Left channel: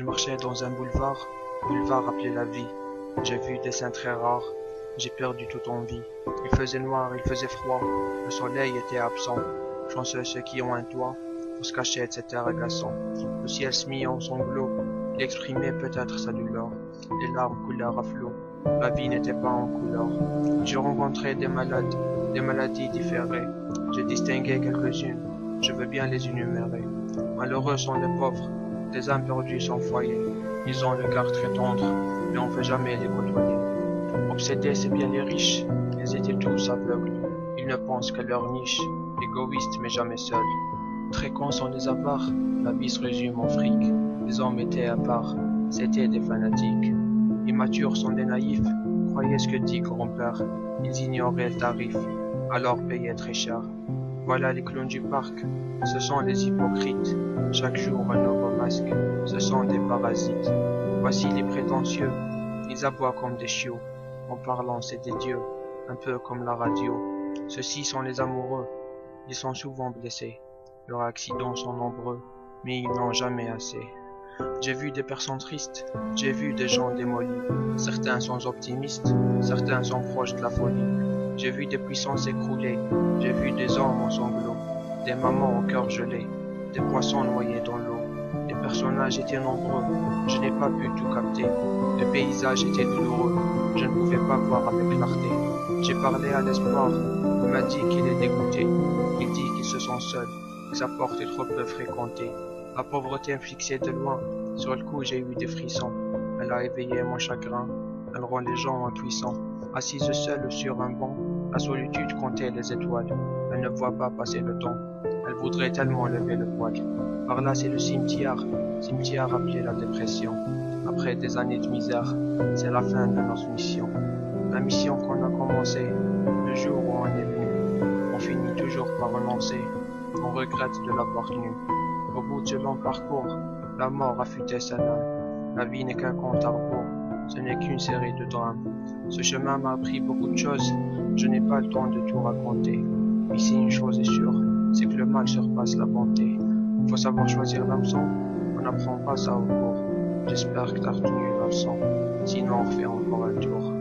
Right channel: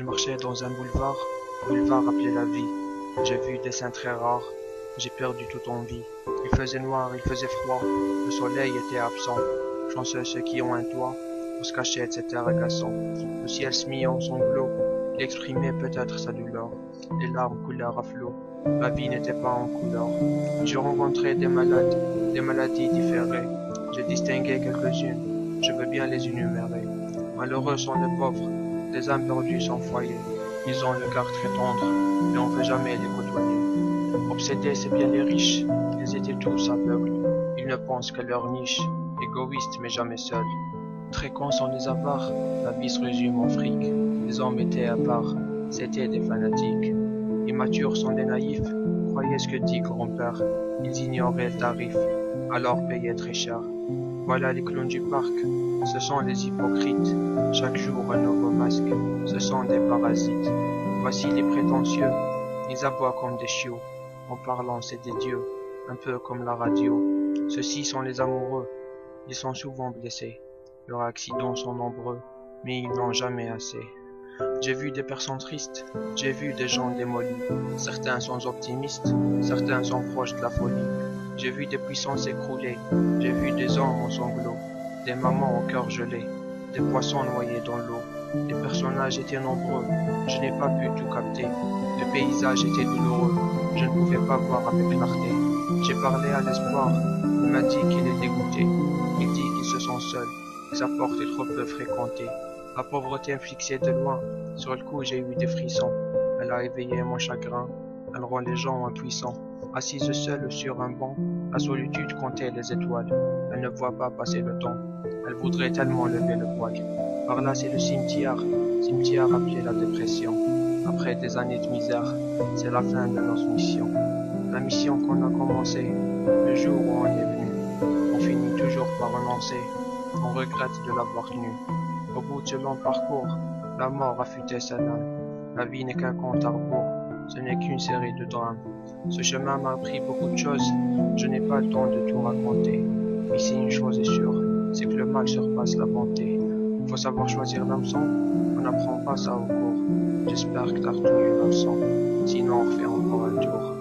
Je marchais dans un boulevard appelé la vie. J'ai vu des scènes très rares, j'ai perdu toute envie. Il faisait noir, il faisait froid, le soleil était absent. Chanceux ceux qui ont un toit pour se cacher de cet air agaçant. Le ciel se mit en sanglots, il exprimait peut-être sa douleur. Les larmes coulèrent à flot, la vie n'était pas en couleur. J'ai rencontré des malades, des maladies différées. J'ai distingué quelques-unes, je veux bien les énumérer. Malheureux sont les pauvres, des âmes perdues sans foyer. Ils ont le cœur très tendre, mais on ne peut jamais les côtoyer. Obsédés, c'est bien les riches, ils étaient tous aveugles. Ils ne pensent qu'à leur niche, égoïstes mais jamais seuls. Très cons sont les avares, la vie se résume en fric. Les hommes étaient à part, c'étaient des fanatiques. Immatures sont des naïfs, croyaient ce que dit grand-père. Ils ignoraient le tarif, alors payaient très cher. Voilà les clowns du parc, ce sont les hypocrites. Chaque jour un nouveau masque, ce sont des parasites. Voici les prétentieux, ils aboient comme des chiots. En parlant c'est des dieux, un peu comme la radio. Ceux-ci sont les amoureux, ils sont souvent blessés. Leurs accidents sont nombreux, mais ils n'ont jamais assez. J'ai vu des personnes tristes, j'ai vu des gens démolis. Certains sont optimistes, certains sont proches de la folie. J'ai vu des puissants s'écrouler, j'ai vu des hommes en sanglots, des mamans au cœur gelé, des poissons noyés dans l'eau. Les personnages étaient nombreux, je n'ai pas pu tout capter. Le paysage était douloureux, je ne pouvais pas voir avec clarté. J'ai parlé à l'espoir, il m'a dit qu'il est dégoûté. Il dit qu'ils se sent seuls, que sa porte est trop peu fréquentée. La pauvreté me fixait de loin, sur le coup j'ai eu des frissons. Elle a éveillé mon chagrin, elle rend les gens impuissants. Assise seule sur un banc, la solitude comptait les étoiles. Elle ne voit pas passer le temps, elle voudrait tellement lever le voile. Par là c'est le cimetière appelé la dépression. Après des années de misère, c'est la fin de notre mission. La mission qu'on a commencée, le jour où on est venu. On finit toujours par renoncer, on regrette de l'avoir tenu. Au bout de ce long parcours, la mort affûtait sa lame. La vie n'est qu'un compte à rebours, ce n'est qu'une série de drames. Ce chemin m'a appris beaucoup de choses, je n'ai pas le temps de tout raconter. Ici une chose est sûre, c'est que le mal surpasse la bonté. Faut savoir choisir l'hameçon, on n'apprend pas ça au cours. J'espère que t'as retenu la leçon, sinon on refait encore un tour.